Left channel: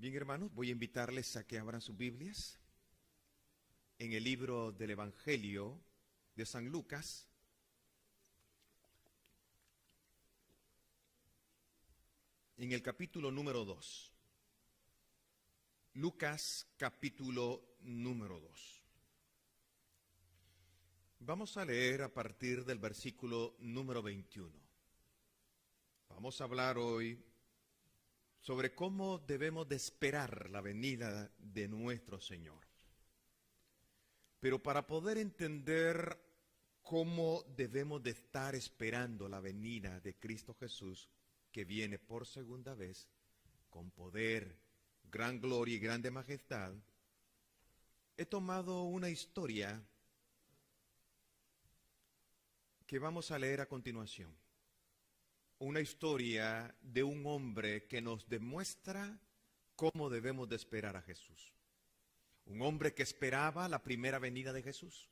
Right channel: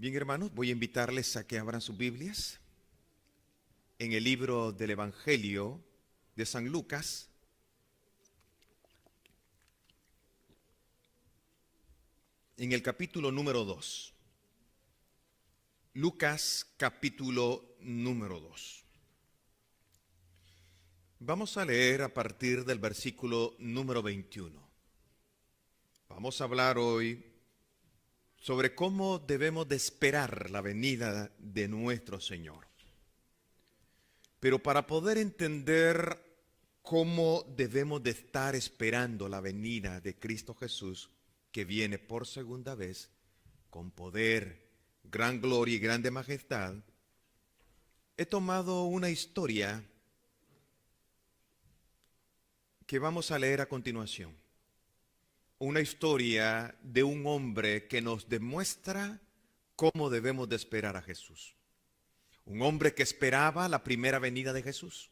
Bien, hermanos, voy a invitarles a que abran sus Biblias en el libro del Evangelio de San Lucas, en el capítulo número 2. Lucas, capítulo número 2. Vamos a leer a partir del versículo número 21. Vamos a hablar hoy sobre cómo debemos de esperar la venida de nuestro Señor. Pero para poder entender cómo debemos de estar esperando la venida de Cristo Jesús, que viene por segunda vez, con poder, gran gloria y grande majestad, he tomado una historia que vamos a leer a continuación. Una historia de un hombre que nos demuestra cómo debemos de esperar a Jesús. Un hombre que esperaba la primera venida de Jesús.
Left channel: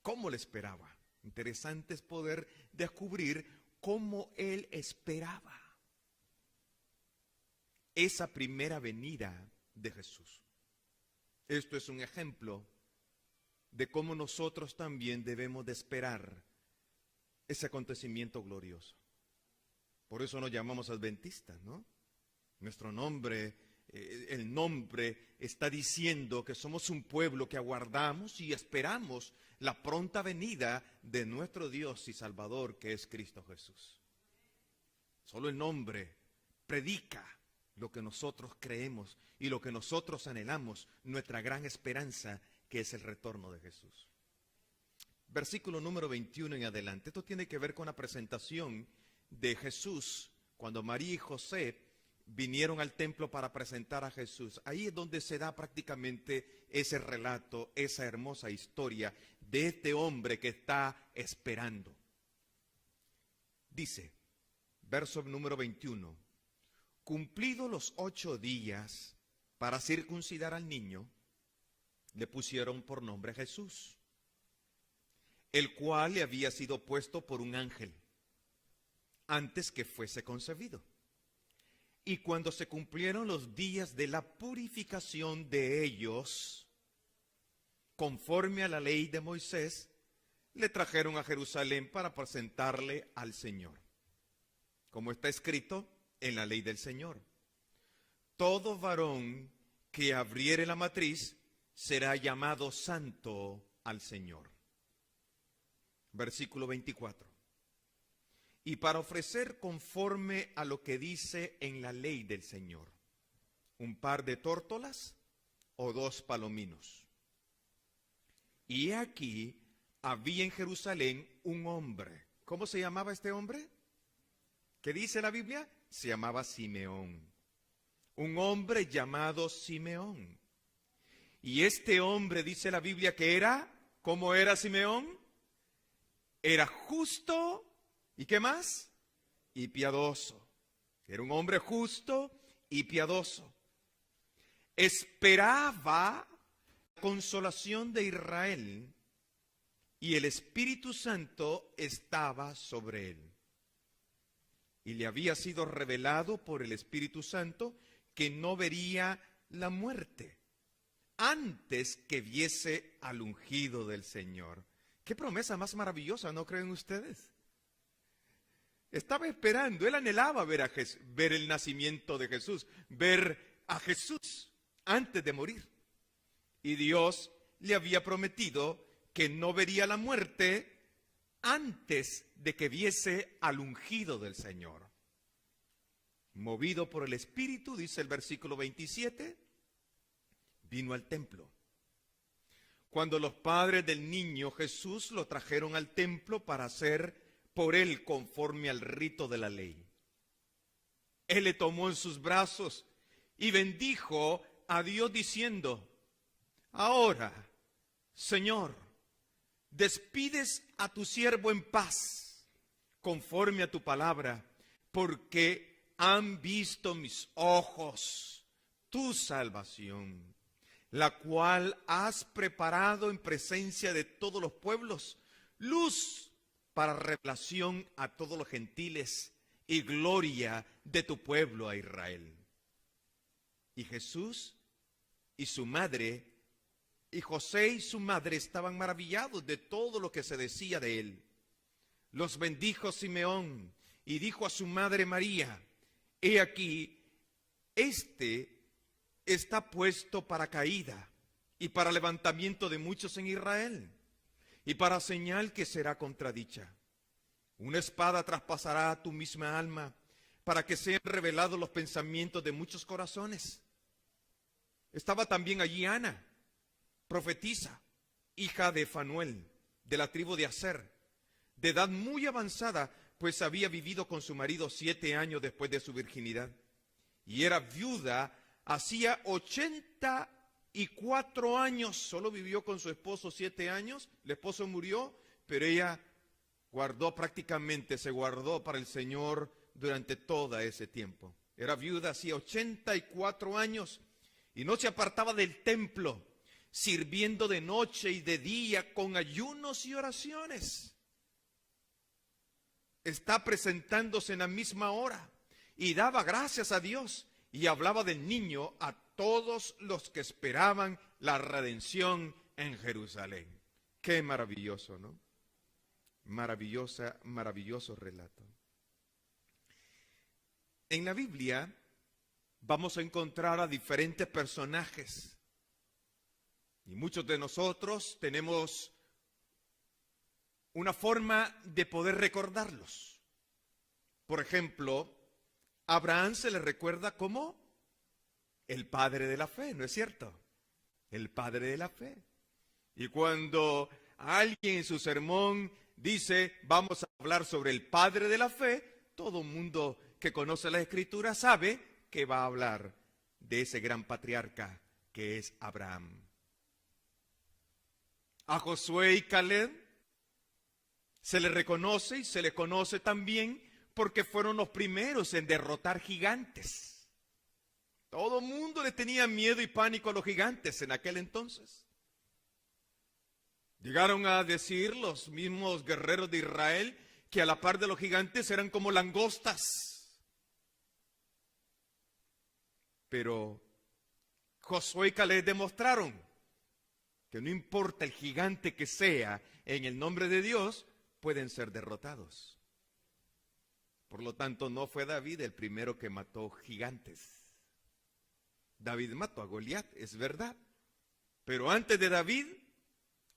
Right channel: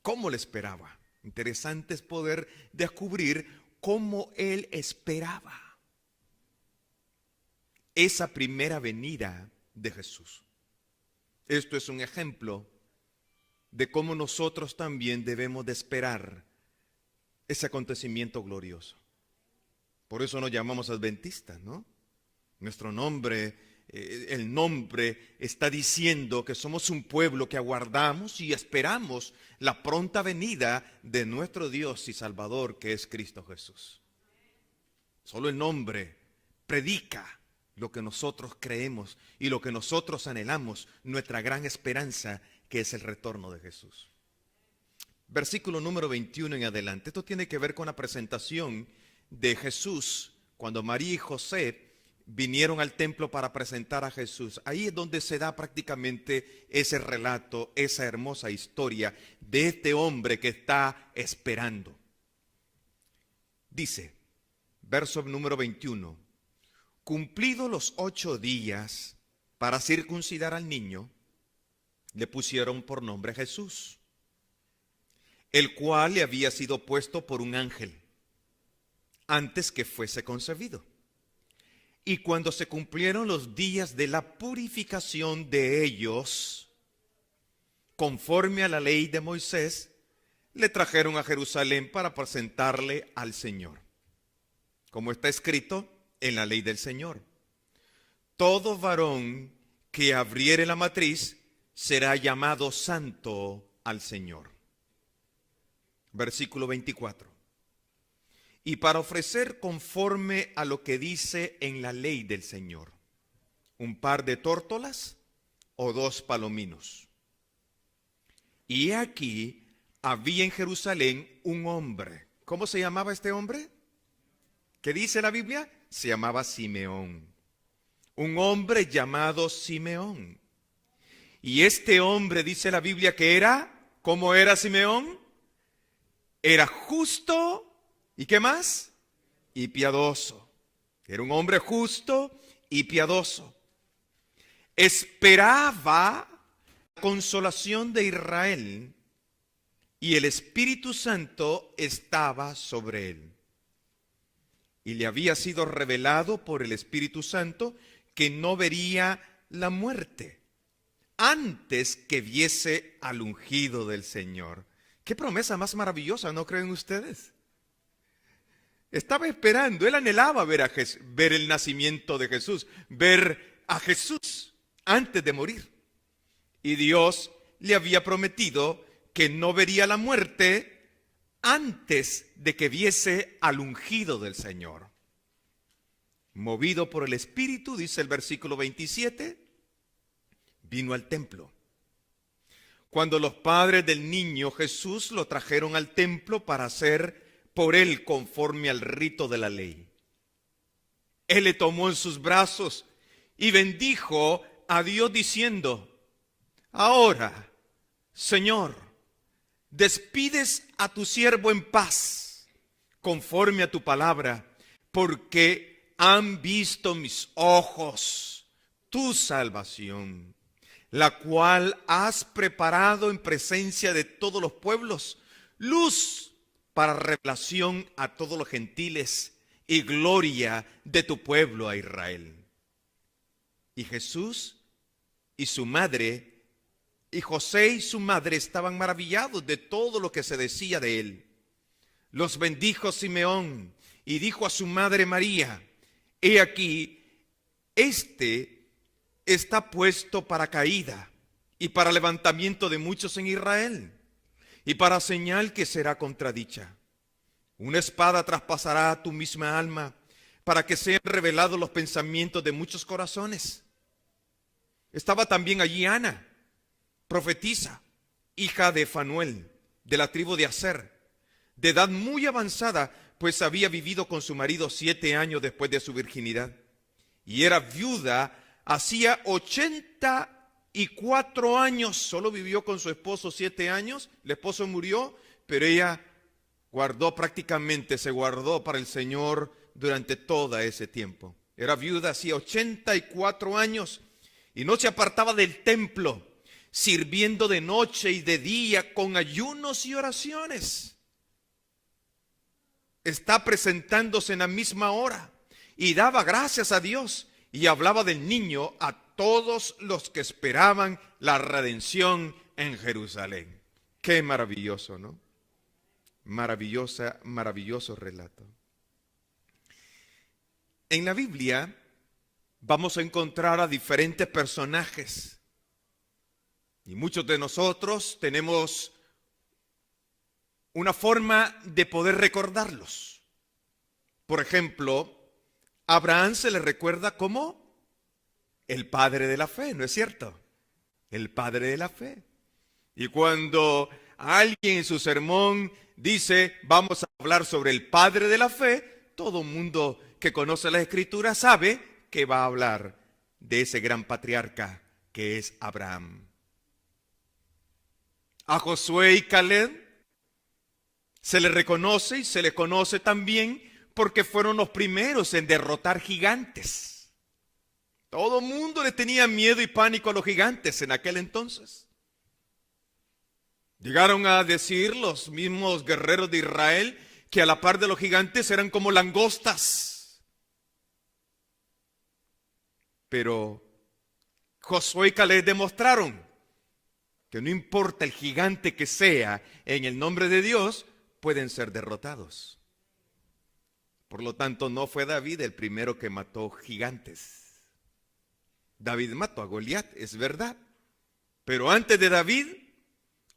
¿Cómo le esperaba? Interesante es poder descubrir cómo él esperaba esa primera venida de Jesús. Esto es un ejemplo de cómo nosotros también debemos de esperar ese acontecimiento glorioso. Por eso nos llamamos adventistas, ¿no? Nuestro nombre, el nombre está diciendo que somos un pueblo que aguardamos y esperamos la pronta venida de nuestro Dios y Salvador, que es Cristo Jesús. Solo el nombre predica lo que nosotros creemos y lo que nosotros anhelamos, nuestra gran esperanza, que es el retorno de Jesús. Versículo número 21 en adelante. Esto tiene que ver con la presentación de Jesús cuando María y José vinieron al templo para presentar a Jesús. Ahí es donde se da prácticamente ese relato, esa hermosa historia de este hombre que está esperando. Dice, verso número 21, cumplidos los 8 días para circuncidar al niño, le pusieron por nombre Jesús, el cual le había sido puesto por un ángel antes que fuese concebido. Y cuando se cumplieron los días de la purificación de ellos, conforme a la ley de Moisés, le trajeron a Jerusalén para presentarle al Señor. Como está escrito en la ley del Señor: todo varón que abriere la matriz será llamado santo al Señor. Versículo 24. Y para ofrecer conforme a lo que dice en la ley del Señor, un par de tórtolas o 2 palominos. Y aquí había en Jerusalén un hombre. ¿Cómo se llamaba este hombre? ¿Qué dice la Biblia? Se llamaba Simeón. Un hombre llamado Simeón. Y este hombre, dice la Biblia, que era, ¿cómo era Simeón? Era justo. ¿Y qué más? Y piadoso. Era un hombre justo y piadoso. Esperaba la consolación de Israel y el Espíritu Santo estaba sobre él. Y le había sido revelado por el Espíritu Santo que no vería la muerte antes que viese al ungido del Señor. Qué promesa más maravillosa, ¿no creen ustedes? Estaba esperando, él anhelaba ver el nacimiento de Jesús, ver a Jesús antes de morir. Y Dios le había prometido que no vería la muerte antes de que viese al ungido del Señor. Movido por el Espíritu, dice el versículo 27, vino al templo. Cuando los padres del niño Jesús lo trajeron al templo para hacer por él conforme al rito de la ley, él le tomó en sus brazos y bendijo a Dios diciendo: ahora, Señor, despides a tu siervo en paz, conforme a tu palabra, porque han visto mis ojos tu salvación, la cual has preparado en presencia de todos los pueblos, luz para revelación a todos los gentiles y gloria de tu pueblo a Israel. Y Jesús y su madre, y José y su madre estaban maravillados de todo lo que se decía de él. Los bendijo Simeón y dijo a su madre María: he aquí, este está puesto para caída y para levantamiento de muchos en Israel, y para señal que será contradicha. Una espada traspasará tu misma alma, para que sean revelados los pensamientos de muchos corazones. Estaba también allí Ana, profetisa, hija de Fanuel, de la tribu de Aser, de edad muy avanzada, pues había vivido con su marido 7 años después de su virginidad, y era viuda hacía 84 años. Solo vivió con su esposo 7 años, el esposo murió, pero ella se guardó para el Señor durante todo ese tiempo. Era viuda hacía 84 años y no se apartaba del templo, sirviendo de noche y de día con ayunos y oraciones. Está presentándose en la misma hora y daba gracias a Dios y hablaba del niño a todos los que esperaban la redención en Jerusalén. Qué maravilloso, ¿no? Maravilloso relato. En la Biblia vamos a encontrar a diferentes personajes y muchos de nosotros tenemos una forma de poder recordarlos. Por ejemplo, a Abraham se le recuerda como el padre de la fe, ¿no es cierto? El padre de la fe. Y cuando alguien en su sermón dice, vamos a hablar sobre el padre de la fe, todo mundo que conoce la Escritura sabe que va a hablar de ese gran patriarca que es Abraham. A Josué y Caleb se le reconoce y se le conoce también porque fueron los primeros en derrotar gigantes. Todo el mundo le tenía miedo y pánico a los gigantes en aquel entonces. Llegaron a decir los mismos guerreros de Israel que a la par de los gigantes eran como langostas. Pero Josué y Caleb demostraron que no importa el gigante que sea, en el nombre de Dios pueden ser derrotados. Por lo tanto, no fue David el primero que mató gigantes. David mató a Goliat, es verdad. Pero antes de David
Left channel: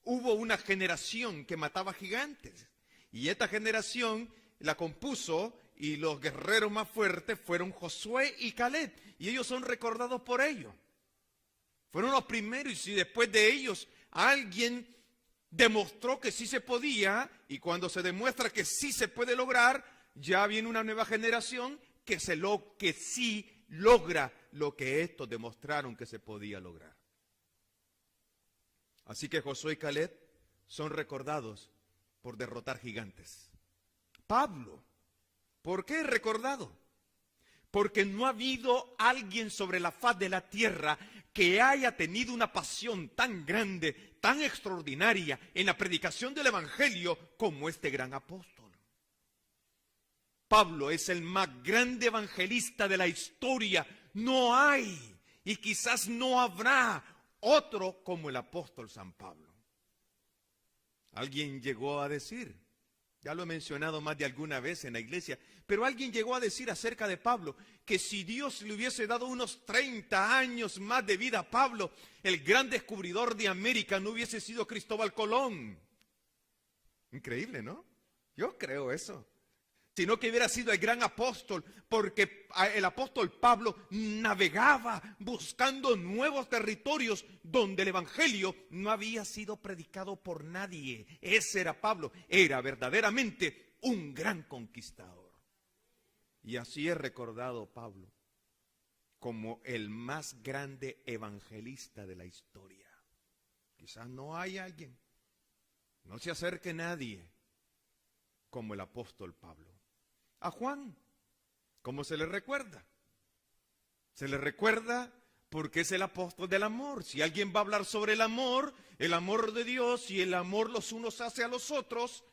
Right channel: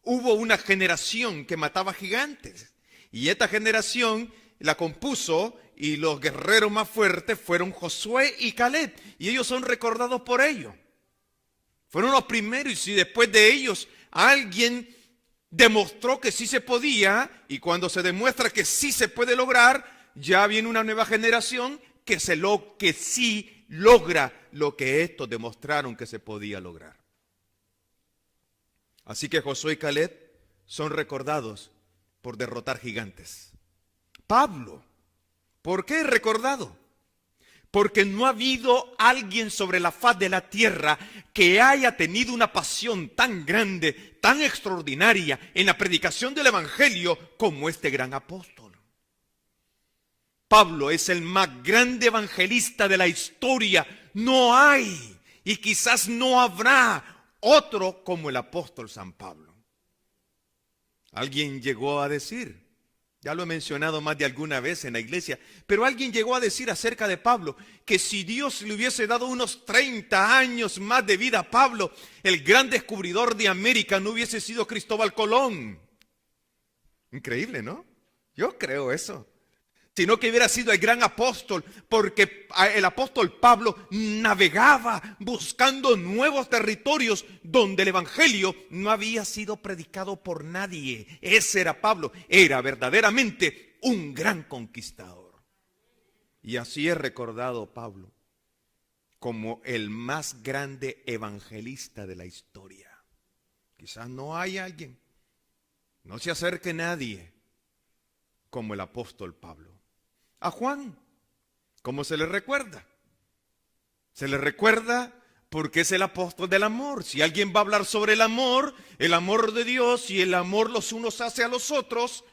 hubo una generación que mataba gigantes. Y esta generación la compuso y los guerreros más fuertes fueron Josué y Caleb. Y ellos son recordados por ello. Fueron los primeros y si después de ellos alguien demostró que sí se podía, y cuando se demuestra que sí se puede lograr, ya viene una nueva generación que sí logra lo que estos demostraron que se podía lograr. Así que Josué y Caleb son recordados por derrotar gigantes. Pablo, ¿por qué es recordado? Porque no ha habido alguien sobre la faz de la tierra que haya tenido una pasión tan grande, tan extraordinaria en la predicación del Evangelio como este gran apóstol. Pablo es el más grande evangelista de la historia. No hay y quizás no habrá otro como el apóstol San Pablo. Alguien llegó a decir, ya lo he mencionado más de alguna vez en la iglesia, pero alguien llegó a decir acerca de Pablo que si Dios le hubiese dado unos 30 años más de vida a Pablo, el gran descubridor de América no hubiese sido Cristóbal Colón. Increíble, ¿no? Yo creo eso. Sino que hubiera sido el gran apóstol, porque el apóstol Pablo navegaba buscando nuevos territorios donde el evangelio no había sido predicado por nadie. Ese era Pablo, era verdaderamente un gran conquistador. Y así es recordado Pablo como el más grande evangelista de la historia. Quizás no hay alguien, no se acerque nadie como el apóstol Pablo. A Juan, ¿cómo se le recuerda? Se le recuerda porque es el apóstol del amor. Si alguien va a hablar sobre el amor de Dios y el amor los unos hacia los otros,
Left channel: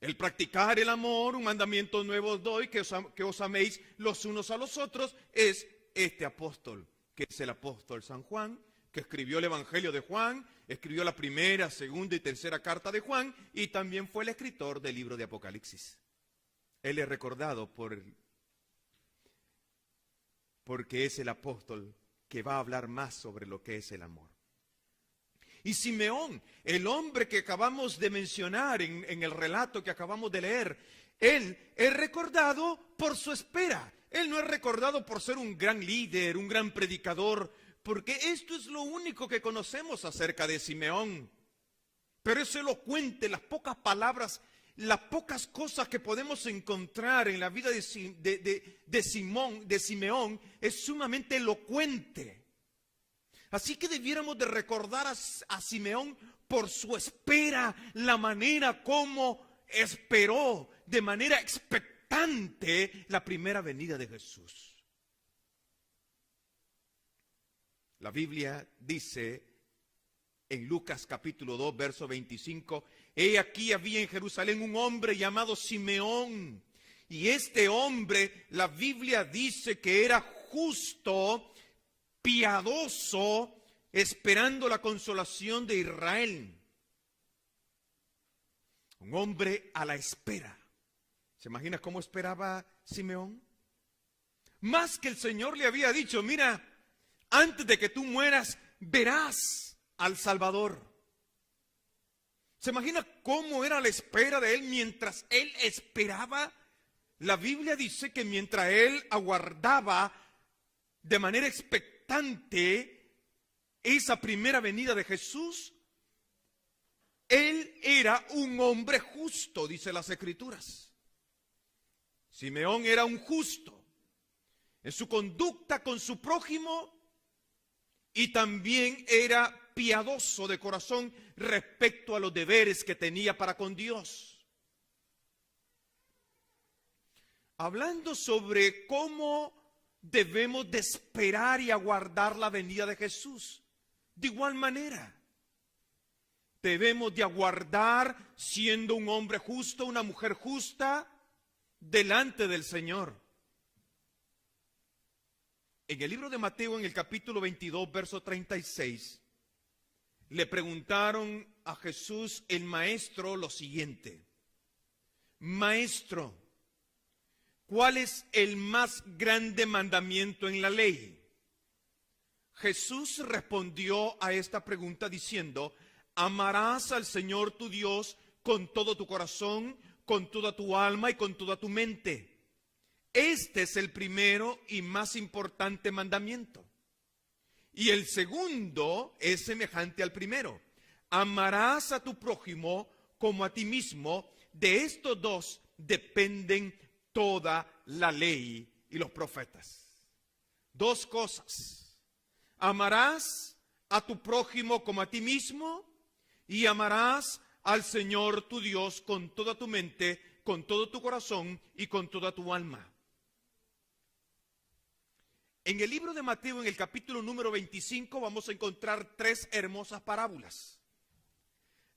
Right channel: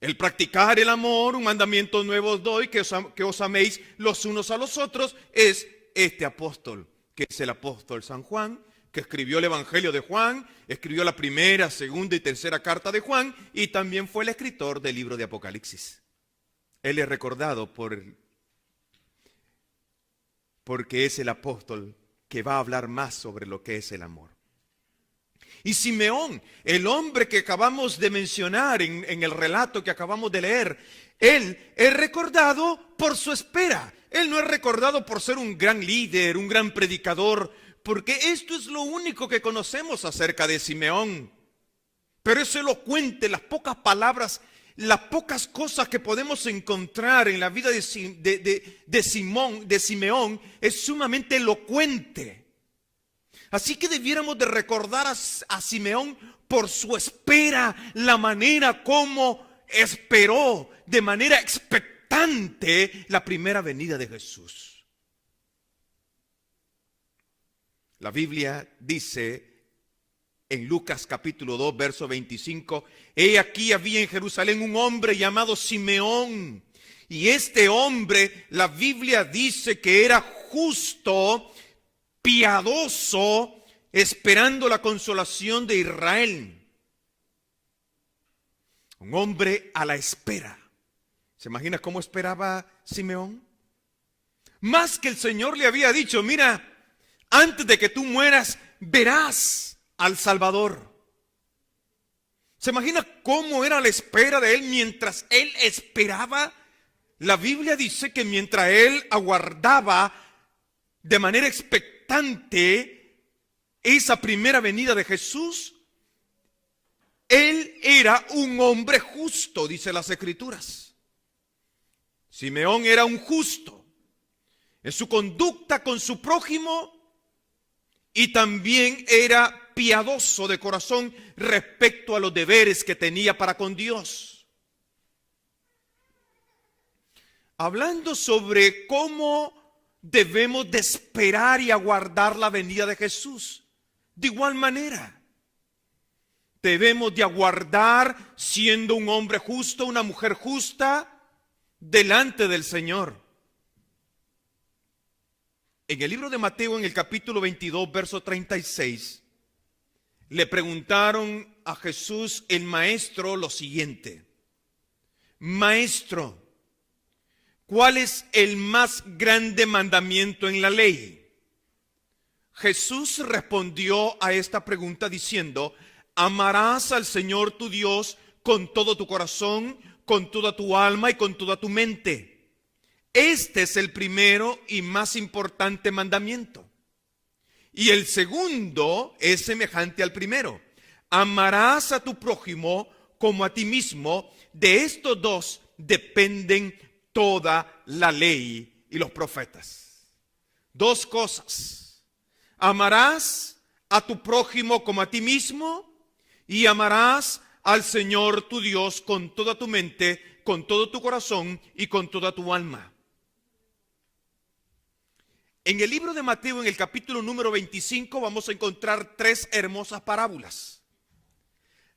el practicar el amor, un mandamiento nuevo os doy, que os améis los unos a los otros, es este apóstol que es el apóstol San Juan, que escribió el Evangelio de Juan, escribió la primera, segunda y tercera carta de Juan, y también fue el escritor del libro de Apocalipsis. Él es recordado porque es el apóstol que va a hablar más sobre lo que es el amor. Y Simeón, el hombre que acabamos de mencionar en el relato que acabamos de leer, él es recordado por su espera. Él no es recordado por ser un gran líder, un gran predicador, porque esto es lo único que conocemos acerca de Simeón. Pero es elocuente, las pocas palabras, las pocas cosas que podemos encontrar en la vida de Simeón es sumamente elocuente. Así que debiéramos de recordar a Simeón por su espera, la manera como esperó de manera expectante la primera venida de Jesús. La Biblia dice en Lucas capítulo 2, verso 25, he aquí había en Jerusalén un hombre llamado Simeón, y este hombre, la Biblia dice que era justo, piadoso, esperando la consolación de Israel. Un hombre a la espera. ¿Se imagina cómo esperaba Simeón? Más que el Señor le había dicho, mira, antes de que tú mueras, verás al Salvador. ¿Se imagina cómo era la espera de él mientras él esperaba? La Biblia dice que mientras él aguardaba de manera expectante esa primera venida de Jesús, él era un hombre justo, dice las Escrituras. Simeón era un justo en su conducta con su prójimo y también era piadoso de corazón respecto a los deberes que tenía para con Dios. Hablando sobre cómo debemos de esperar y aguardar la venida de Jesús, de igual manera debemos de aguardar siendo un hombre justo, una mujer justa delante del Señor. En el libro de Mateo, en el capítulo 22, verso 36, le preguntaron a Jesús el maestro lo siguiente: Maestro, ¿cuál es el más grande mandamiento en la ley? Jesús respondió a esta pregunta diciendo: amarás al Señor tu Dios con todo tu corazón, con toda tu alma y con toda tu mente. Este es el primero y más importante mandamiento. Y el segundo es semejante al primero: amarás a tu prójimo como a ti mismo. De estos dos dependen toda la ley y los profetas. Dos cosas: amarás a tu prójimo como a ti mismo y amarás al Señor tu Dios con toda tu mente, con todo tu corazón y con toda tu alma. En el libro de Mateo, en el capítulo número 25, vamos a encontrar tres hermosas parábolas.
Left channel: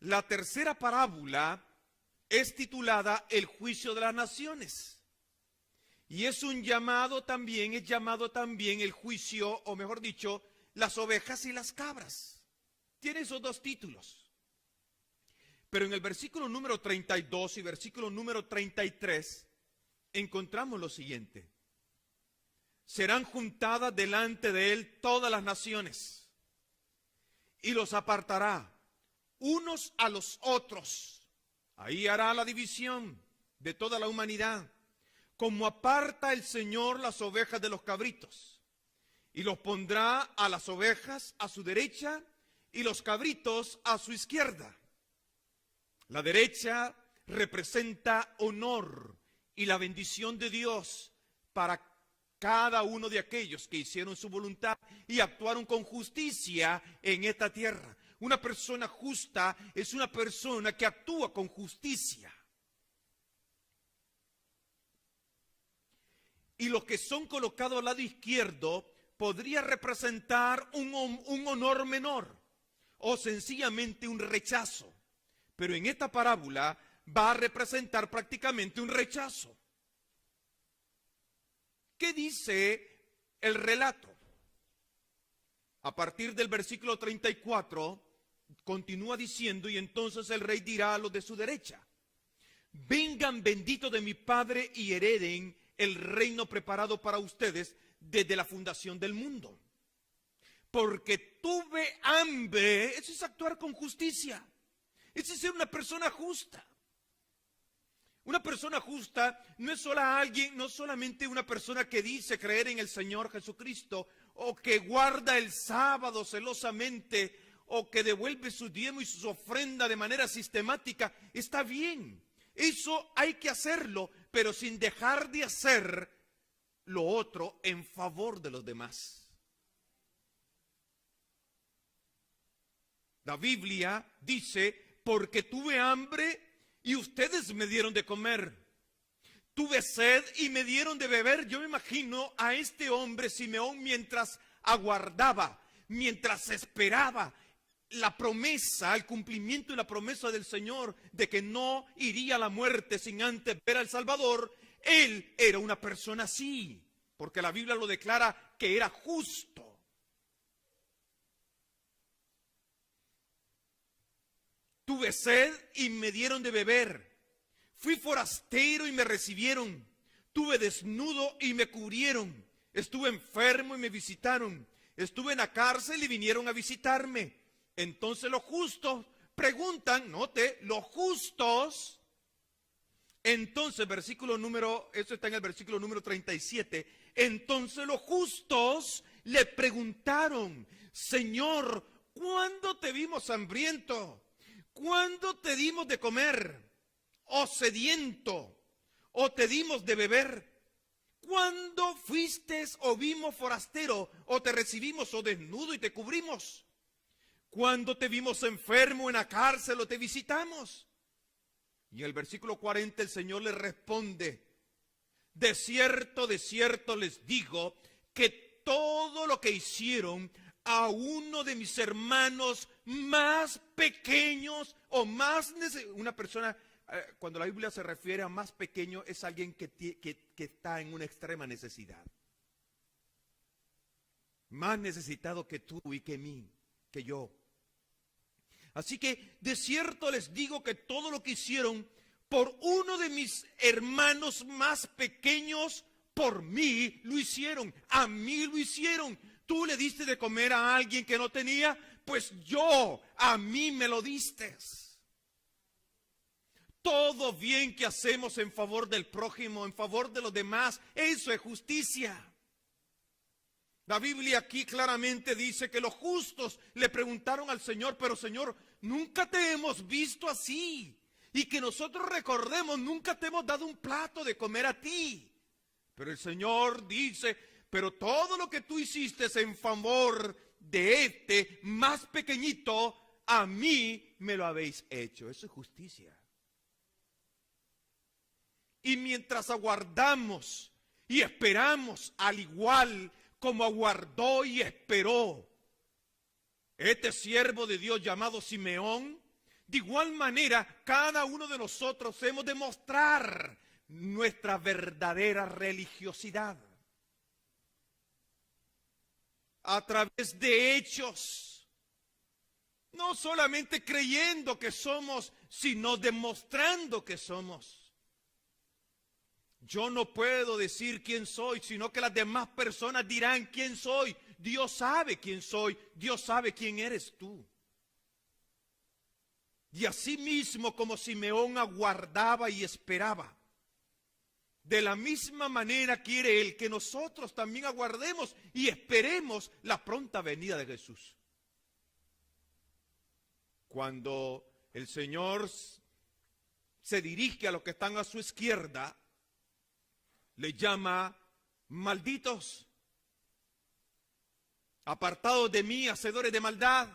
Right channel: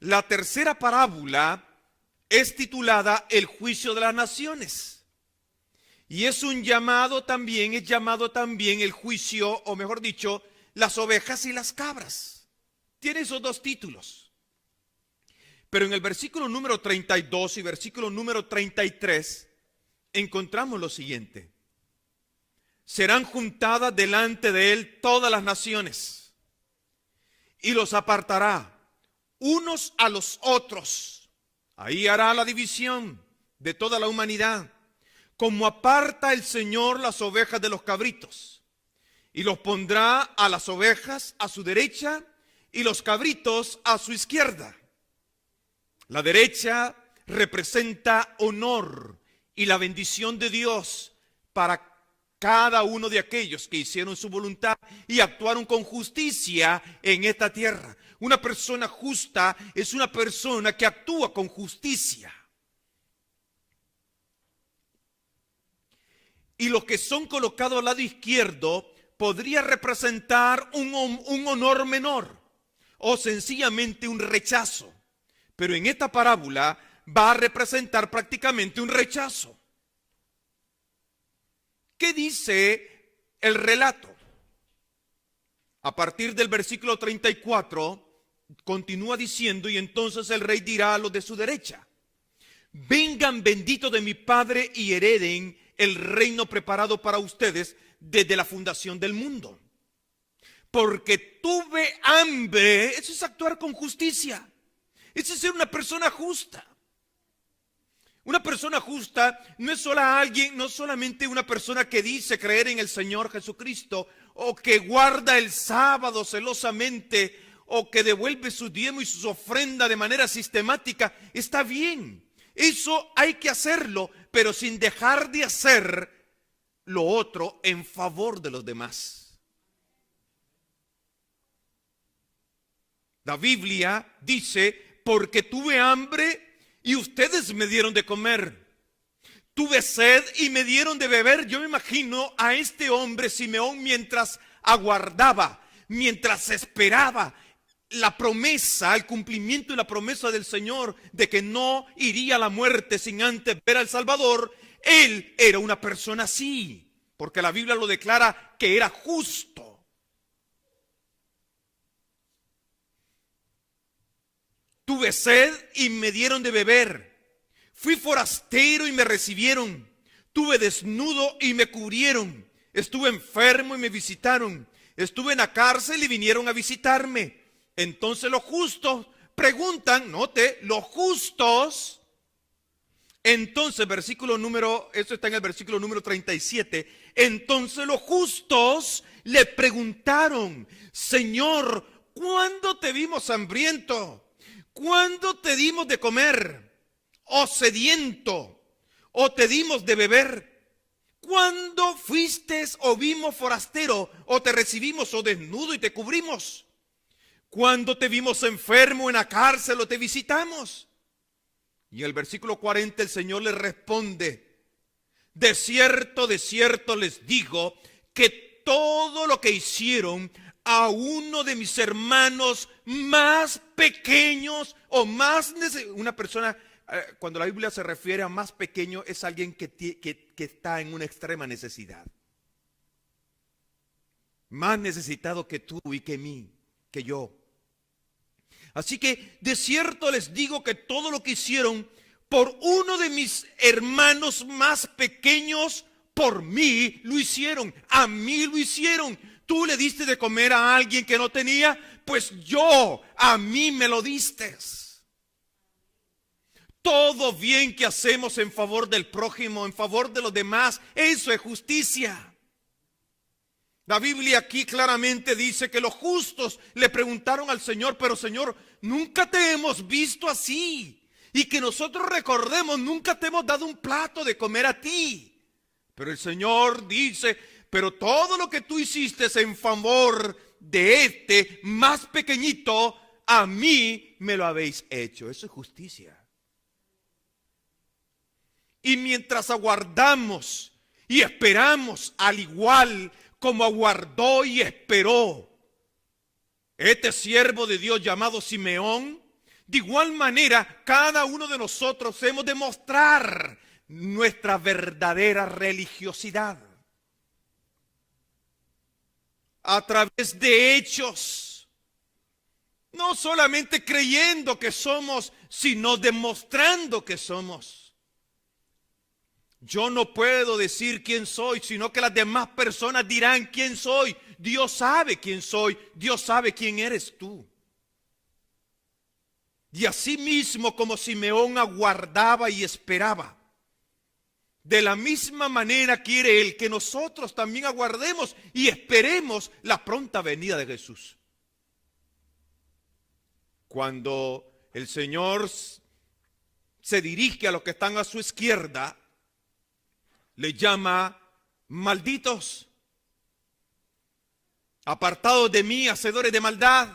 La tercera parábola es titulada El juicio de las naciones. Y es llamado también el juicio, o mejor dicho, las ovejas y las cabras. Tiene esos dos títulos. Pero en el versículo número 32 y versículo número 33 encontramos lo siguiente: serán juntadas delante de él todas las naciones y los apartará unos a los otros. Ahí hará la división de toda la humanidad, como aparta el Señor las ovejas de los cabritos, y los pondrá a las ovejas a su derecha y los cabritos a su izquierda. La derecha representa honor y la bendición de Dios para cada uno de aquellos que hicieron su voluntad y actuaron con justicia en esta tierra. Una persona justa es una persona que actúa con justicia. Y los que son colocados al lado izquierdo podría representar un honor menor o sencillamente un rechazo. Pero en esta parábola va a representar prácticamente un rechazo. ¿Qué dice el relato? A partir del versículo 34, continúa diciendo, y entonces el rey dirá a los de su derecha: vengan benditos de mi Padre y hereden el reino preparado para ustedes desde la fundación del mundo. Porque tuve hambre. Eso es actuar con justicia. Eso es ser una persona justa. Una persona justa no es no solamente una persona que dice creer en el Señor Jesucristo, o que guarda el sábado celosamente, o que devuelve su diezmo y sus ofrendas de manera sistemática. Está bien, eso hay que hacerlo, pero sin dejar de hacer lo otro en favor de los demás. La Biblia dice: porque tuve hambre y ustedes me dieron de comer. Tuve sed y me dieron de beber. Yo me imagino a este hombre Simeón mientras aguardaba, mientras esperaba la promesa, el cumplimiento de la promesa del Señor de que no iría a la muerte sin antes ver al Salvador. Él era una persona así, porque la Biblia lo declara que era justo. Tuve sed y me dieron de beber. Fui forastero y me recibieron. Tuve desnudo y me cubrieron. Estuve enfermo y me visitaron. Estuve en la cárcel y vinieron a visitarme. Entonces los justos preguntan, note, los justos. Entonces, eso está en el versículo número 37. Entonces los justos le preguntaron: Señor, ¿cuándo te vimos hambriento? ¿Cuándo te dimos de comer? ¿O sediento? ¿O te dimos de beber? ¿Cuándo fuiste o vimos forastero? ¿O te recibimos o desnudo y te cubrimos? ¿Cuándo te vimos enfermo en la cárcel o te visitamos? Y en el versículo 40 el Señor les responde: de cierto les digo que todo lo que hicieron a uno de mis hermanos más pequeños o más una persona, cuando la Biblia se refiere a más pequeño, es alguien que está en una extrema necesidad, más necesitado que tú y que yo. Así que de cierto les digo que todo lo que hicieron por uno de mis hermanos más pequeños, por mí lo hicieron, a mí lo hicieron. Tú le diste de comer a alguien que no tenía, pues a mí me lo diste. Todo bien que hacemos en favor del prójimo, en favor de los demás, eso es justicia. La Biblia aquí claramente dice que los justos le preguntaron al Señor: pero Señor, nunca te hemos visto así, y que nosotros recordemos, nunca te hemos dado un plato de comer a ti. Pero el Señor dice: pero todo lo que tú hiciste en favor de este más pequeñito, a mí me lo habéis hecho. Eso es justicia. Y mientras aguardamos y esperamos, al igual como aguardó y esperó este siervo de Dios llamado Simeón, de igual manera cada uno de nosotros hemos de mostrar nuestra verdadera religiosidad a través de hechos, no solamente creyendo que somos, sino demostrando que somos. Yo no puedo decir quién soy, sino que las demás personas dirán quién soy. Dios sabe quién soy, Dios sabe quién eres tú. Y así mismo como Simeón aguardaba y esperaba, de la misma manera quiere Él que nosotros también aguardemos y esperemos la pronta venida de Jesús. Cuando el Señor se dirige a los que están a su izquierda, le llama: malditos, apartados de mí, hacedores de maldad.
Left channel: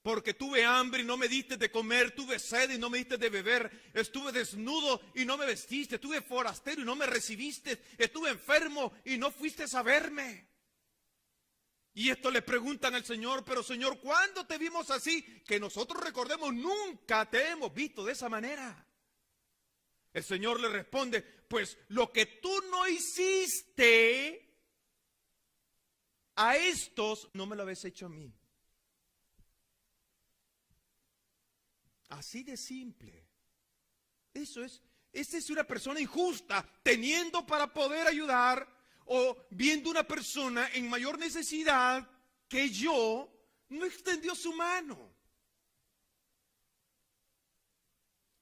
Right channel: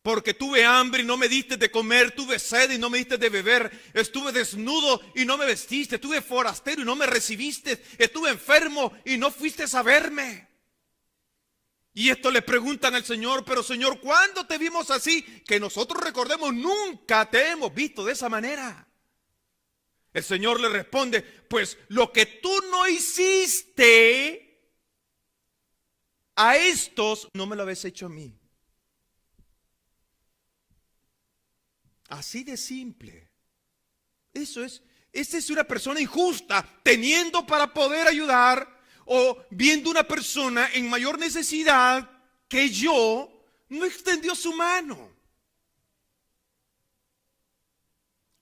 Porque tuve hambre y no me diste de comer, tuve sed y no me diste de beber, estuve desnudo y no me vestiste, estuve forastero y no me recibiste, estuve enfermo y no fuiste a verme. Y esto le preguntan al Señor: pero Señor, ¿cuándo te vimos así? Que nosotros recordemos, nunca te hemos visto de esa manera. El Señor le responde: pues lo que tú no hiciste, a estos no me lo habéis hecho a mí. Así de simple. Esta es una persona injusta, teniendo para poder ayudar o viendo una persona en mayor necesidad que yo, no extendió su mano.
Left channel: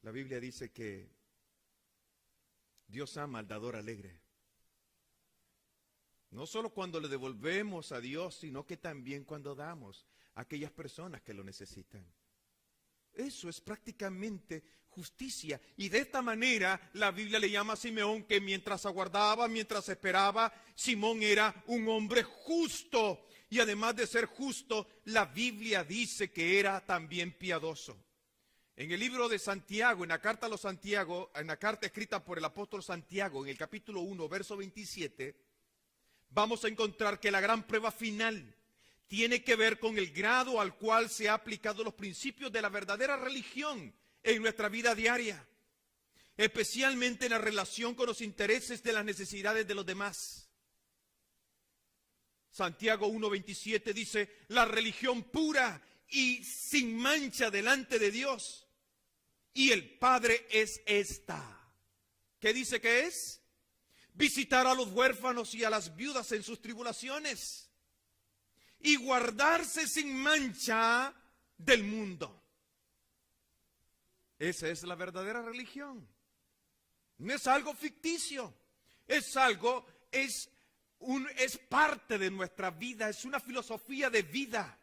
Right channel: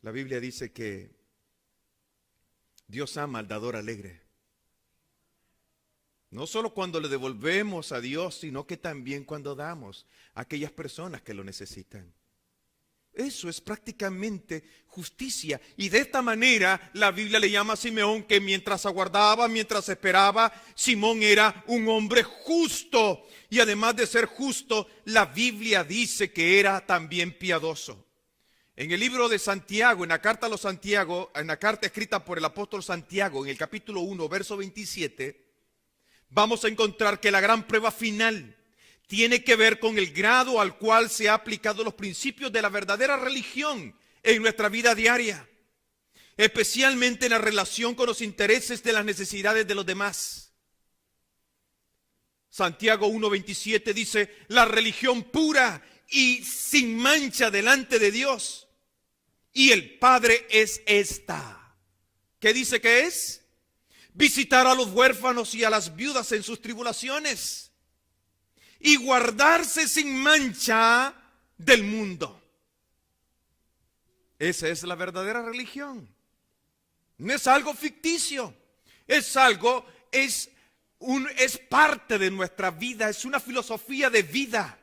La Biblia dice que Dios ama al dador alegre. No solo cuando le devolvemos a Dios, sino que también cuando damos a aquellas personas que lo necesitan. Eso es prácticamente justicia. Y de esta manera la Biblia le llama a Simeón que mientras aguardaba, mientras esperaba, Simón era un hombre justo. Y además de ser justo, la Biblia dice que era también piadoso. En el libro de Santiago, en la carta a los Santiago, en la carta escrita por el apóstol Santiago, en el capítulo 1, verso 27, vamos a encontrar que la gran prueba final tiene que ver con el grado al cual se ha aplicado los principios de la verdadera religión en nuestra vida diaria, especialmente en la relación con los intereses de las necesidades de los demás. Santiago 1:27 dice, la religión pura y sin mancha delante de Dios y el Padre es esta. ¿Qué dice que es? Visitar a los huérfanos y a las viudas en sus tribulaciones y guardarse sin mancha del mundo. Esa es la verdadera religión. No es algo ficticio, es parte de nuestra vida, es una filosofía de vida,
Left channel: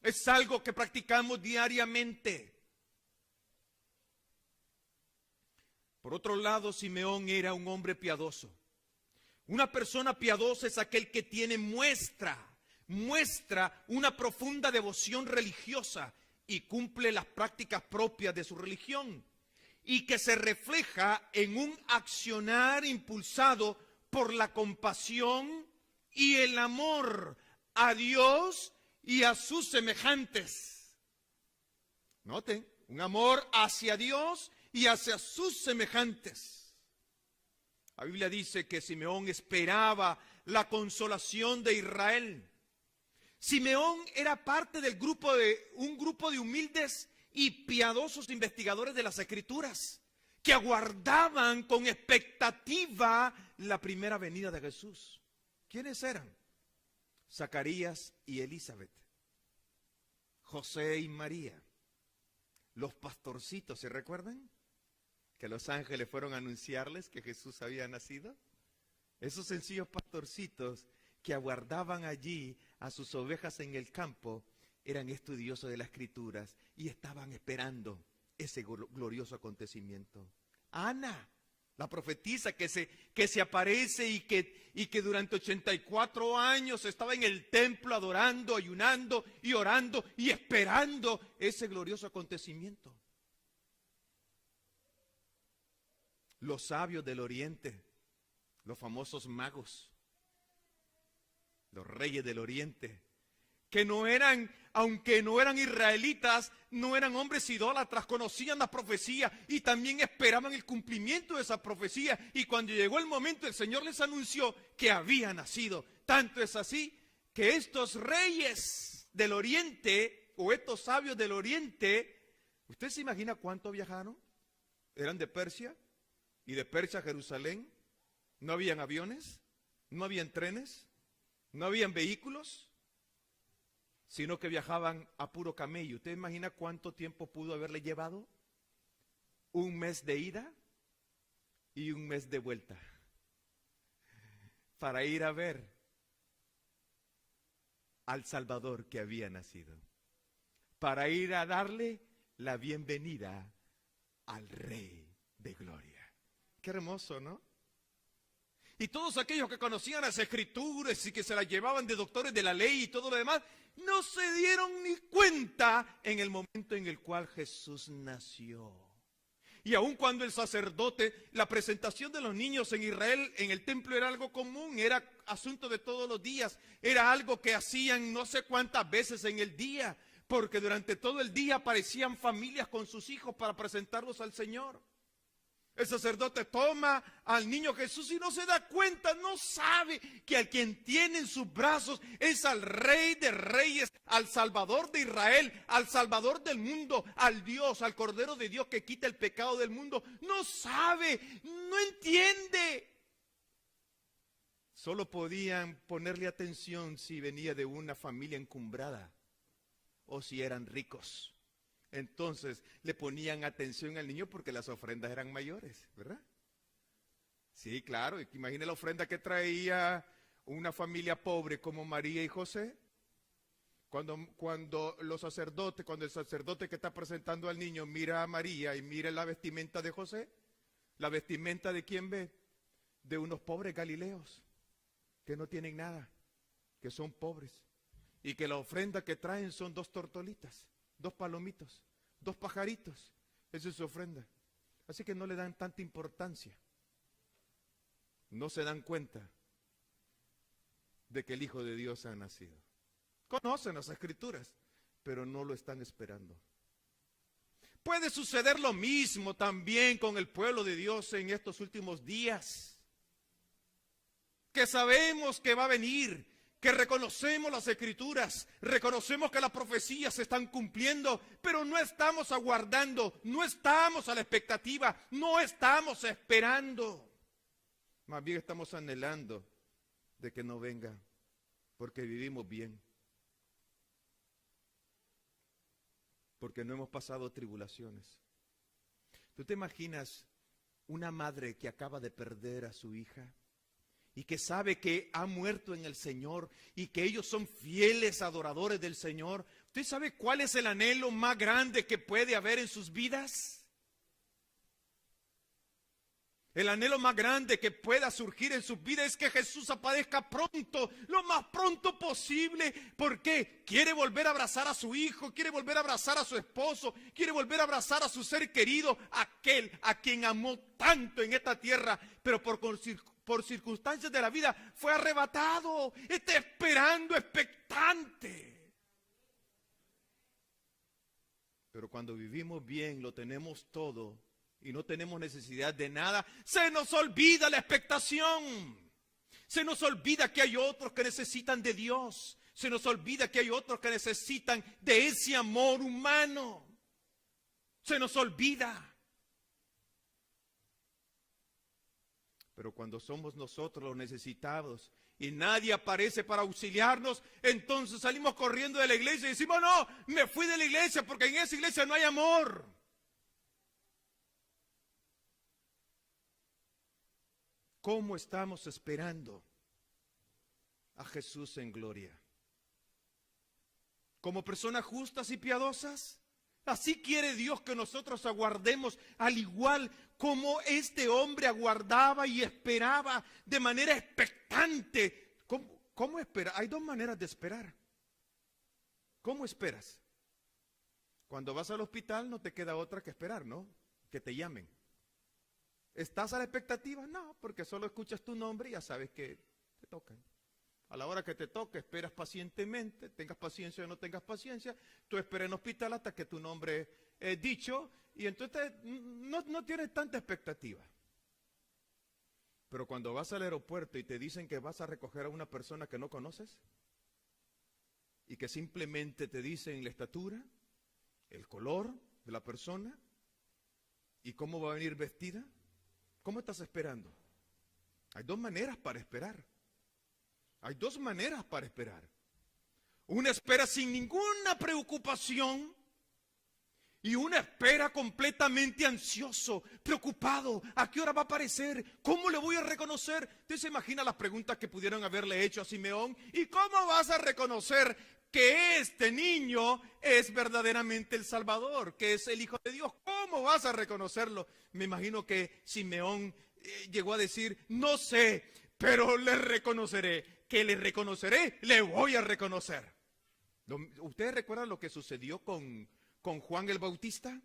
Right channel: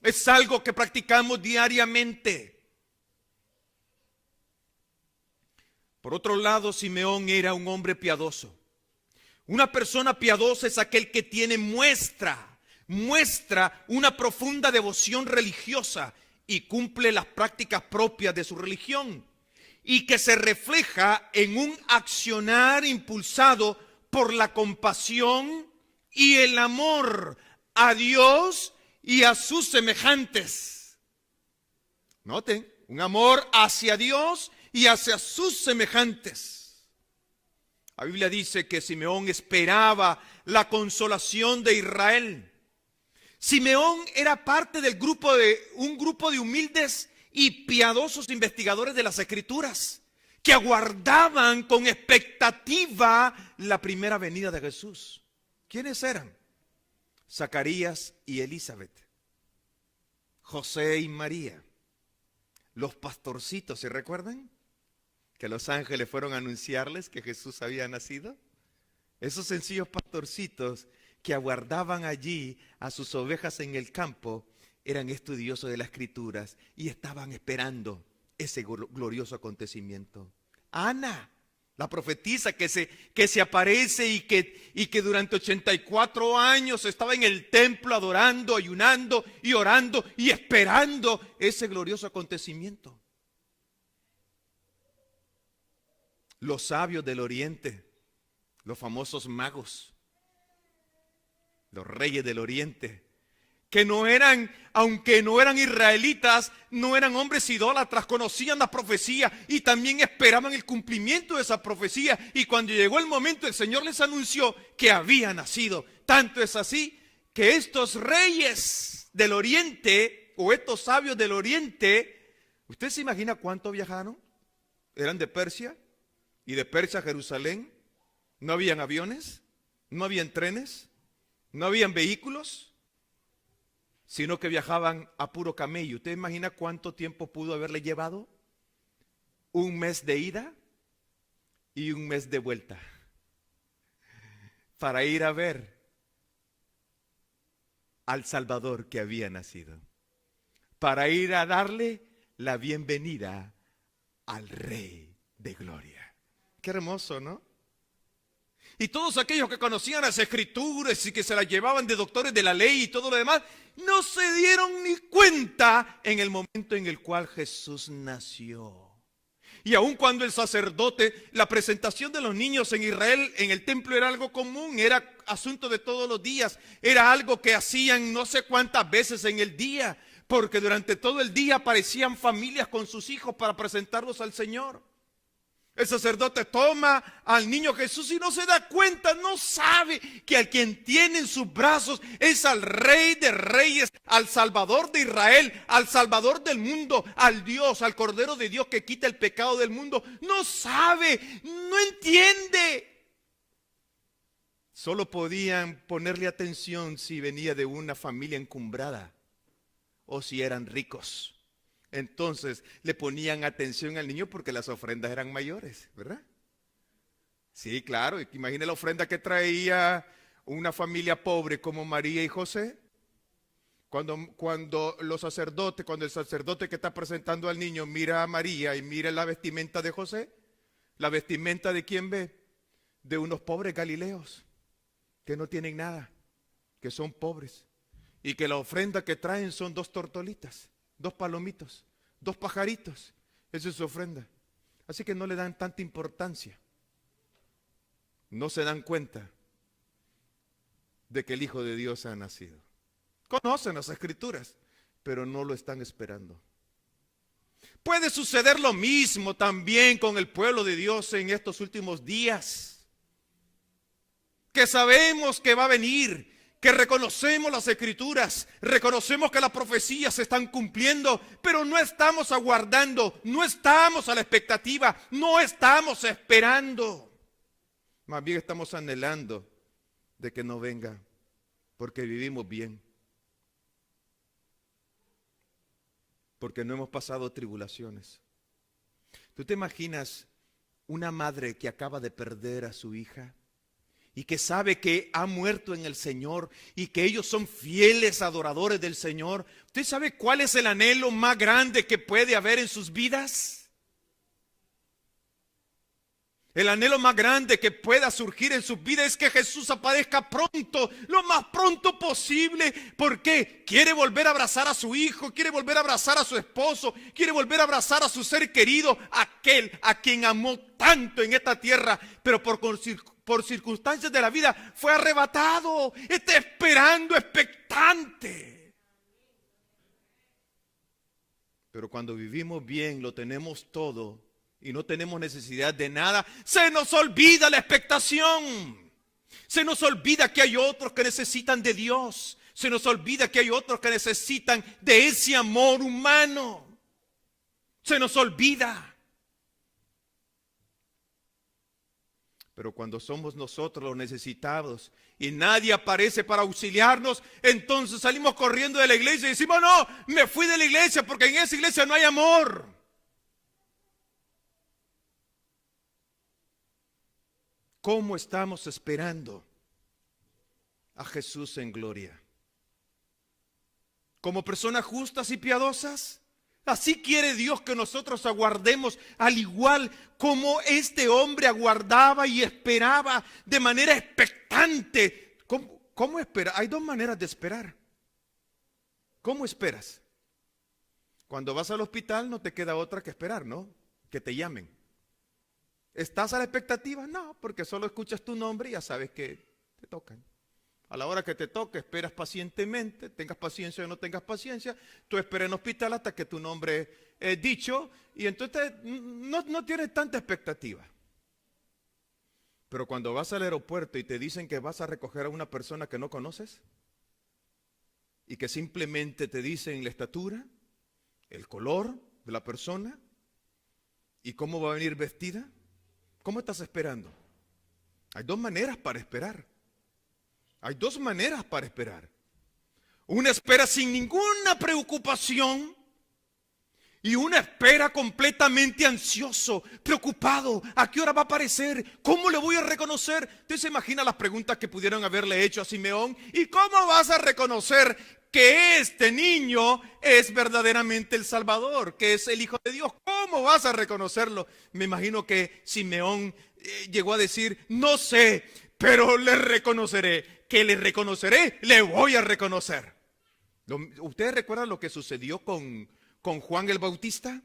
es algo que practicamos diariamente. Por otro lado, Simeón era un hombre piadoso. Una persona piadosa es aquel que muestra una profunda devoción religiosa y cumple las prácticas propias de su religión y que se refleja en un accionar impulsado por la compasión y el amor a Dios y a sus semejantes. Noten, un amor hacia Dios y hacia sus semejantes. La Biblia dice que Simeón esperaba la consolación de Israel. Simeón era parte del un grupo de humildes y piadosos investigadores de las Escrituras que aguardaban con expectativa la primera venida de Jesús. ¿Quiénes eran? Zacarías y Elizabeth, José y María, los pastorcitos, ¿se recuerdan? Que los ángeles fueron a anunciarles que Jesús había nacido. Esos sencillos pastorcitos que aguardaban allí a sus ovejas en el campo eran estudiosos de las Escrituras y estaban esperando ese glorioso acontecimiento. Ana, la profetisa que se aparece y que durante 84 años estaba en el templo adorando, ayunando y orando y esperando ese glorioso acontecimiento. Los sabios del oriente, los famosos magos, los reyes del oriente, que aunque no eran israelitas, no eran hombres idólatras, conocían la profecía y también esperaban el cumplimiento de esa profecía. Y cuando llegó el momento, el Señor les anunció que había nacido. Tanto es así que estos reyes del oriente o estos sabios del oriente, ¿usted se imagina cuánto viajaron? Eran de Persia y de Persia a Jerusalén. No habían aviones, no habían trenes, no habían vehículos, sino que viajaban a puro camello. ¿Usted imagina cuánto tiempo pudo haberle llevado? Un mes de ida y un mes de vuelta para ir a ver al Salvador que había nacido, para ir a darle la bienvenida al Rey de Gloria. Qué hermoso, ¿no? Y todos aquellos que conocían las Escrituras y que se las llevaban de doctores de la ley y todo lo demás, no se dieron ni cuenta en el momento en el cual Jesús nació. Y aun cuando el sacerdote, la presentación de los niños en Israel en el templo era algo común, era asunto de todos los días, era algo que hacían no sé cuántas veces en el día, porque durante todo el día aparecían familias con sus hijos para presentarlos al Señor. El sacerdote toma al niño Jesús y no se da cuenta, no sabe que al quien tiene en sus brazos es al Rey de Reyes, al Salvador de Israel, al Salvador del mundo, al Dios, al Cordero de Dios que quita el pecado del mundo. No sabe, no entiende. Solo podían ponerle atención si venía de una familia encumbrada o si eran ricos. Entonces le ponían atención al niño porque las ofrendas eran mayores, ¿verdad? Sí, claro, imagine la ofrenda que traía una familia pobre como María y José. Cuando el sacerdote que está presentando al niño mira a María y mira la vestimenta de José, ¿la vestimenta de quién ve? De unos pobres galileos que no tienen nada, que son pobres y que la ofrenda que traen son 2 tortolitas. 2 palomitos, 2 pajaritos. Esa es su ofrenda. Así que no le dan tanta importancia. No se dan cuenta de que el Hijo de Dios ha nacido. Conocen las Escrituras, pero no lo están esperando. Puede suceder lo mismo también con el pueblo de Dios en estos últimos días. Que sabemos que va a venir, que reconocemos las Escrituras, reconocemos que las profecías se están cumpliendo, pero no estamos aguardando, no estamos a la expectativa, no estamos esperando. Más bien estamos anhelando de que no venga, porque vivimos bien, porque no hemos pasado tribulaciones. ¿Tú te imaginas una madre que acaba de perder a su hija? Y que sabe que ha muerto en el Señor y que ellos son fieles adoradores del Señor. ¿Usted sabe cuál es el anhelo más grande que puede haber en sus vidas? El anhelo más grande que pueda surgir en sus vidas es que Jesús aparezca pronto, lo más pronto posible. ¿Por qué? Quiere volver a abrazar a su hijo, quiere volver a abrazar a su esposo, quiere volver a abrazar a su ser querido, aquel a quien amó tanto en esta tierra, pero por circunstancias de la vida fue arrebatado. Está esperando, expectante. Pero cuando vivimos bien, lo tenemos todo y no tenemos necesidad de nada, se nos olvida la expectación. Se nos olvida que hay otros que necesitan de Dios. Se nos olvida que hay otros que necesitan de ese amor humano. Se nos olvida. Pero cuando somos nosotros los necesitados y nadie aparece para auxiliarnos, entonces salimos corriendo de la iglesia y decimos, no, me fui de la iglesia porque en esa iglesia no hay amor. ¿Cómo estamos esperando a Jesús en gloria? ¿Como personas justas y piadosas? Así quiere Dios que nosotros aguardemos, al igual como este hombre aguardaba y esperaba de manera expectante. ¿Cómo espera? Hay 2 maneras de esperar. ¿Cómo esperas? Cuando vas al hospital no te queda otra que esperar, ¿no? Que te llamen. ¿Estás a la expectativa? No, porque solo escuchas tu nombre y ya sabes que te tocan. A la hora que te toque, esperas pacientemente, tengas paciencia o no tengas paciencia, tú esperas en el hospital hasta que tu nombre es dicho y entonces no tienes tanta expectativa. Pero cuando vas al aeropuerto y te dicen que vas a recoger a una persona que no conoces y que simplemente te dicen la estatura, el color de la persona y cómo va a venir vestida, ¿cómo estás esperando? Hay 2 maneras para esperar. Hay 2 maneras para esperar. Una espera sin ninguna preocupación y una espera completamente ansioso, preocupado. ¿A qué hora va a aparecer? ¿Cómo le voy a reconocer? ¿Usted se imagina las preguntas que pudieron haberle hecho a Simeón? ¿Y cómo vas a reconocer que este niño es verdaderamente el Salvador, que es el Hijo de Dios? ¿Cómo vas a reconocerlo? Me imagino que Simeón llegó a decir, no sé, pero le reconoceré. Que le reconoceré, le voy a reconocer. ¿Ustedes recuerdan lo que sucedió con Juan el Bautista?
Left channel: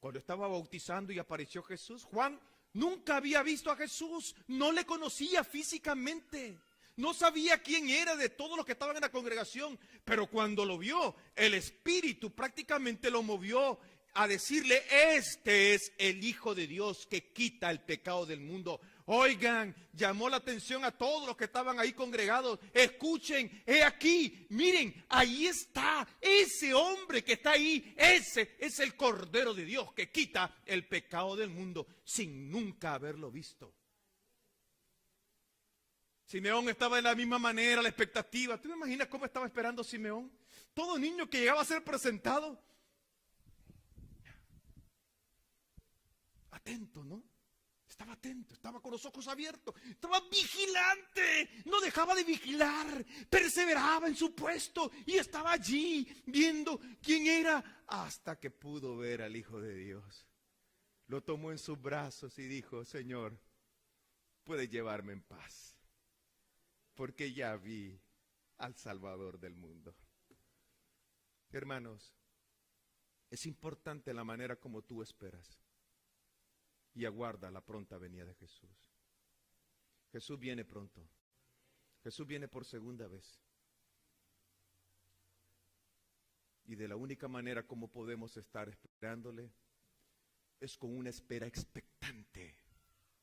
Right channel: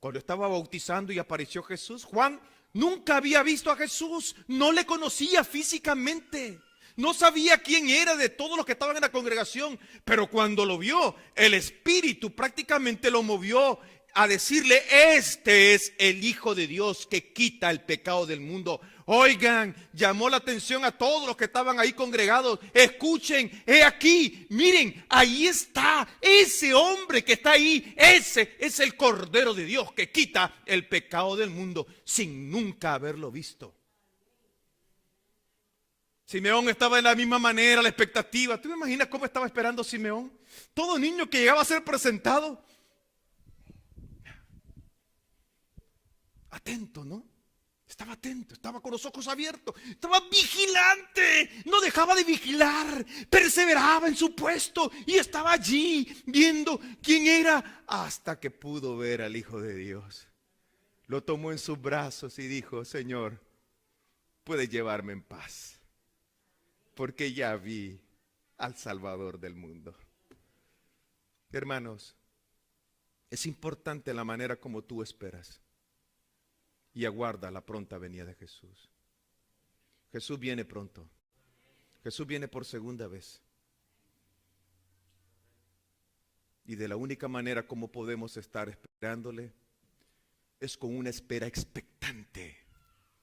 Cuando estaba bautizando y apareció Jesús, Juan nunca había visto a Jesús, no le conocía físicamente, no sabía quién era de todos los que estaban en la congregación, pero cuando lo vio, el Espíritu prácticamente lo movió a decirle: este es el Hijo de Dios que quita el pecado del mundo. Oigan, llamó la atención a todos los que estaban ahí congregados. Escuchen, he aquí, miren, ahí está ese hombre que está ahí. Ese es el Cordero de Dios que quita el pecado del mundo, sin nunca haberlo visto. Simeón estaba de la misma manera, la expectativa. ¿Tú me imaginas cómo estaba esperando Simeón? Todo niño que llegaba a ser presentado, atento, ¿no? Estaba atento, estaba con los ojos abiertos, estaba vigilante, no dejaba de vigilar, perseveraba en su puesto y estaba allí viendo quién era, hasta que pudo ver al Hijo de Dios. Lo tomó en sus brazos y dijo: Señor, puedes llevarme en paz, porque ya vi al Salvador del mundo. Hermanos, es importante la manera como tú esperas y aguarda la pronta venida de Jesús. Jesús viene pronto. Jesús viene por segunda vez. Y de la única manera como podemos estar esperándole es con una espera expectante.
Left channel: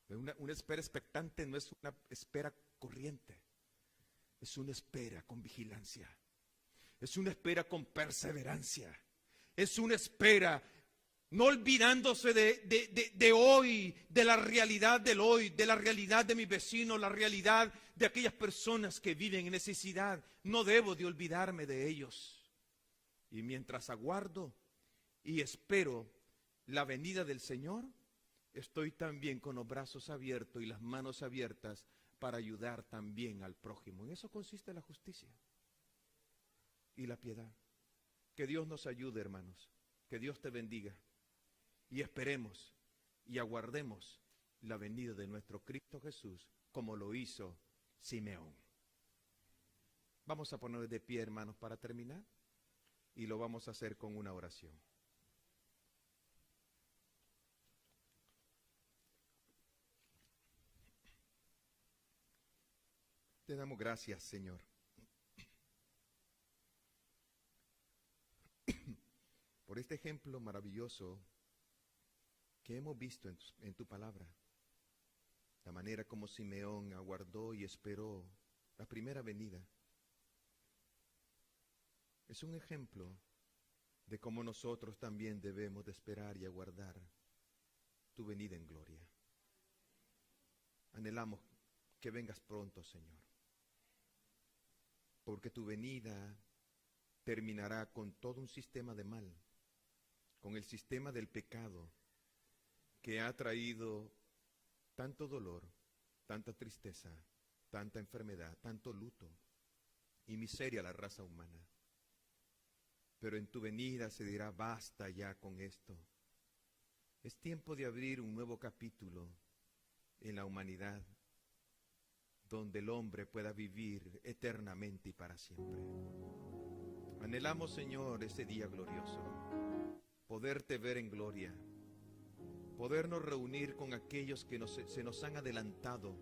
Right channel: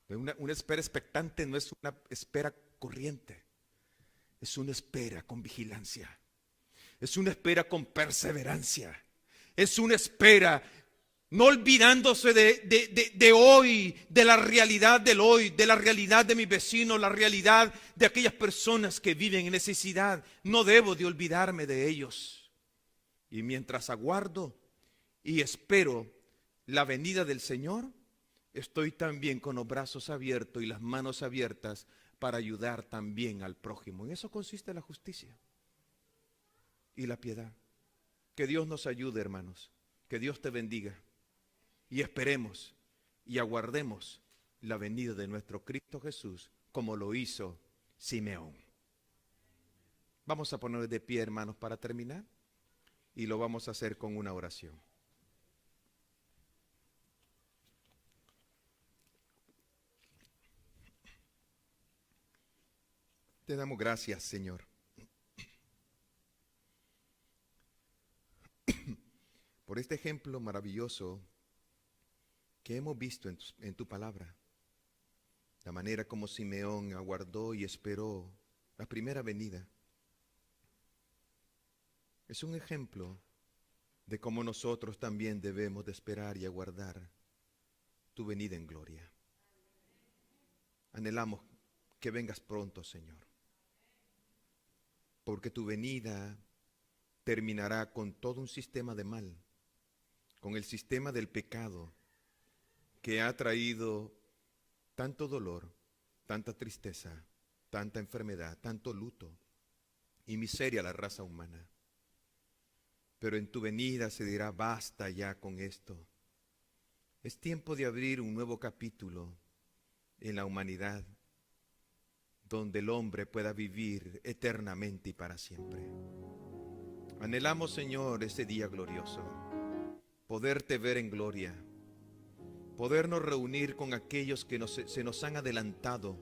Una espera expectante no es una espera corriente. Es una espera con vigilancia. Es una espera con perseverancia. Es una espera no olvidándose de hoy, de la realidad del hoy, de la realidad de mis vecinos, la realidad de aquellas personas que viven en necesidad. No debo de olvidarme de ellos. Y mientras aguardo y espero la venida del Señor, estoy también con los brazos abiertos y las manos abiertas para ayudar también al prójimo. En eso consiste la justicia y la piedad. Que Dios nos ayude, hermanos. Que Dios te bendiga. Y esperemos y aguardemos la venida de nuestro Cristo Jesús, como lo hizo Simeón. Vamos a poner de pie, hermanos, para terminar. Y lo vamos a hacer con una oración. Te damos gracias, Señor, por este ejemplo maravilloso que hemos visto en tu palabra. La manera como Simeón aguardó y esperó la primera venida. Es un ejemplo de cómo nosotros también debemos de esperar y aguardar tu venida en gloria. Anhelamos que vengas pronto, Señor, porque tu venida terminará con todo un sistema de mal, con el sistema del pecado que ha traído tanto dolor, tanta tristeza, tanta enfermedad, tanto luto y miseria a la raza humana. Pero en tu venida se dirá: basta ya con esto. Es tiempo de abrir un nuevo capítulo en la humanidad, donde el hombre pueda vivir eternamente y para siempre. Anhelamos, Señor, ese día glorioso, poderte ver en gloria, podernos reunir con aquellos que se nos han adelantado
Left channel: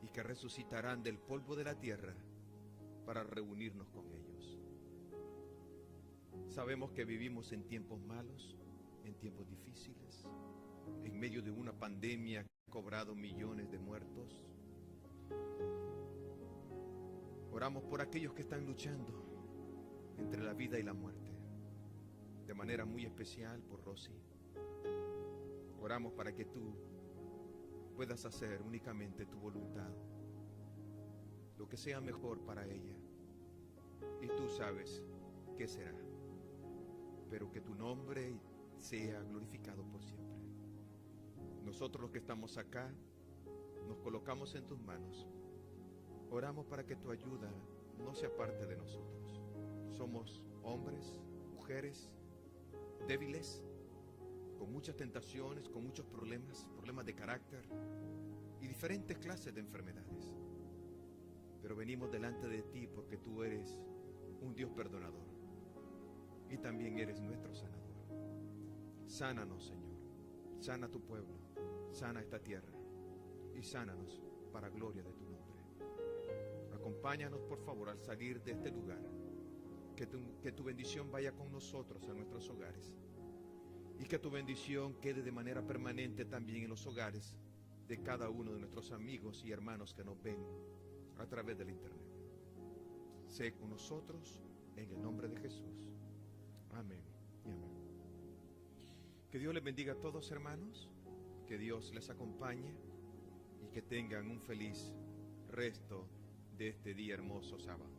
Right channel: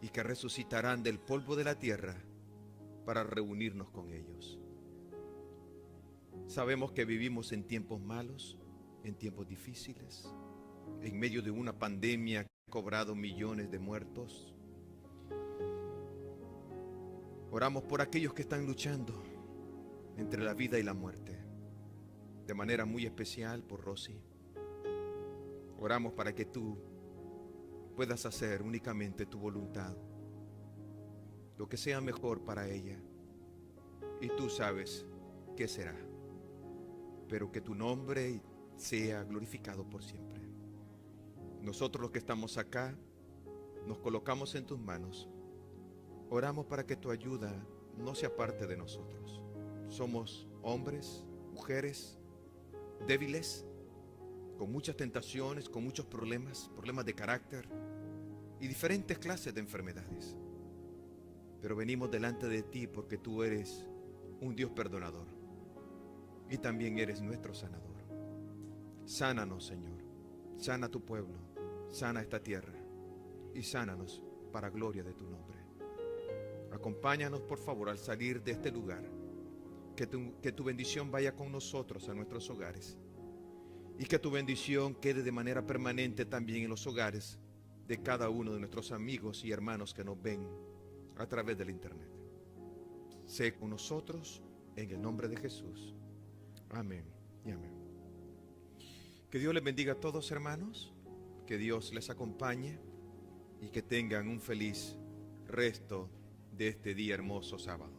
y que resucitarán del polvo de la tierra para reunirnos con ellos. Sabemos que vivimos en tiempos malos, en tiempos difíciles, en medio de una pandemia que ha cobrado millones de muertos. Oramos por aquellos que están luchando entre la vida y la muerte, de manera muy especial por Rosy. Oramos para que tú puedas hacer únicamente tu voluntad, lo que sea mejor para ella, y tú sabes qué será, pero que tu nombre sea glorificado por siempre. Nosotros los que estamos acá nos colocamos en tus manos. Oramos para que tu ayuda no se aparte de nosotros. Somos hombres, mujeres débiles, con muchas tentaciones, con muchos problemas de carácter y diferentes clases de enfermedades. Pero venimos delante de ti porque tú eres un Dios perdonador y también eres nuestro sanador. Sánanos, Señor, sana a tu pueblo, sana esta tierra y sánanos para gloria de tu nombre. Acompáñanos, por favor, al salir de este lugar, que tu bendición vaya con nosotros a nuestros hogares y que tu bendición quede de manera permanente también en los hogares de cada uno de nuestros amigos y hermanos que nos ven a través del internet. Sé con nosotros en el nombre de Jesús. Amén y amén. Que Dios les bendiga a todos, hermanos, que Dios les acompañe y que tengan un feliz resto de este día hermoso sábado.